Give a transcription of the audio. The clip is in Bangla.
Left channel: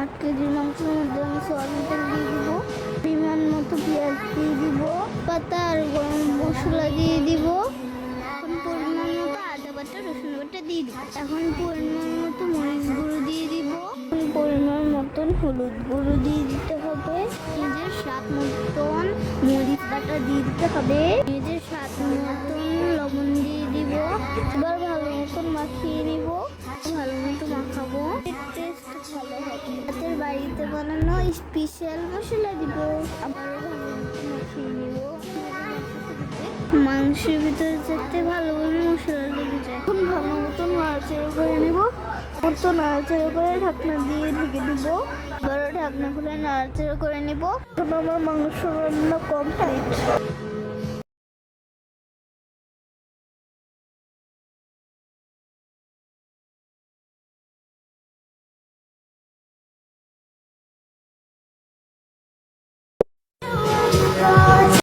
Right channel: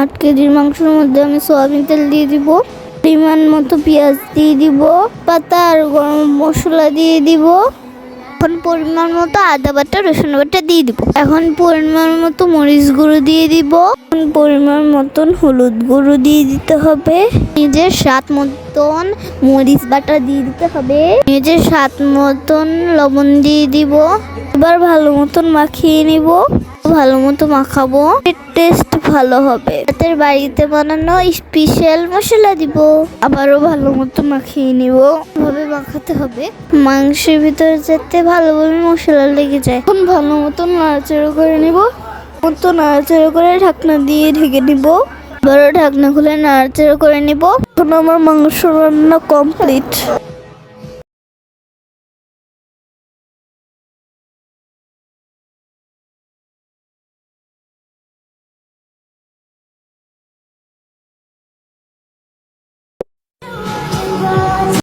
8 কেজির মাংসের মধ্যে আমি সয়াবিন তেল দিয়ে দিব, পরিমাণ মতো পেঁয়াজ দিয়ে দিব, পাতা আর গরম মশলা দিয়ে দিব। এখন পরিমাণ মতো আদা বাটা রসুন বাটা দিয়ে দিব। এখন পরিমাণ মতো মরিচ গুঁড়ো দিয়ে দিব। এখন পরিমাণ মতন হলুদ গুঁড়ো দিয়ে দিতে হবে। নিজের স্বাদ মতন মরিচ বাটা দিয়ে দিতে হবে। নিজের স্বাদ মতন লবণ দিয়ে দিব। এবার ভালো মতন মাখিয়ে নিব। ভালো মতো মাখাবো, টেস্ট ভালো হবে। রাতের বাড়িতে বানানো স্পেশাল মশলা দিব। আবারও ভালো মতো মাখিয়ে নিব। ভাবে মাখাতে হবে মাংসের ভিতরে যাতে ভালোভাবে মশলা লেগে যায়। এখন ভালো মতো নাড়াচাড়া করে নিব। নাড়াচাড়া করে ঢাকনা দিয়ে ঢেকে নিব। বড় ঢাকনা খুলে নাড়াচাড়া করে নিব। এখন আমার মাংস রান্না কমপ্লিট।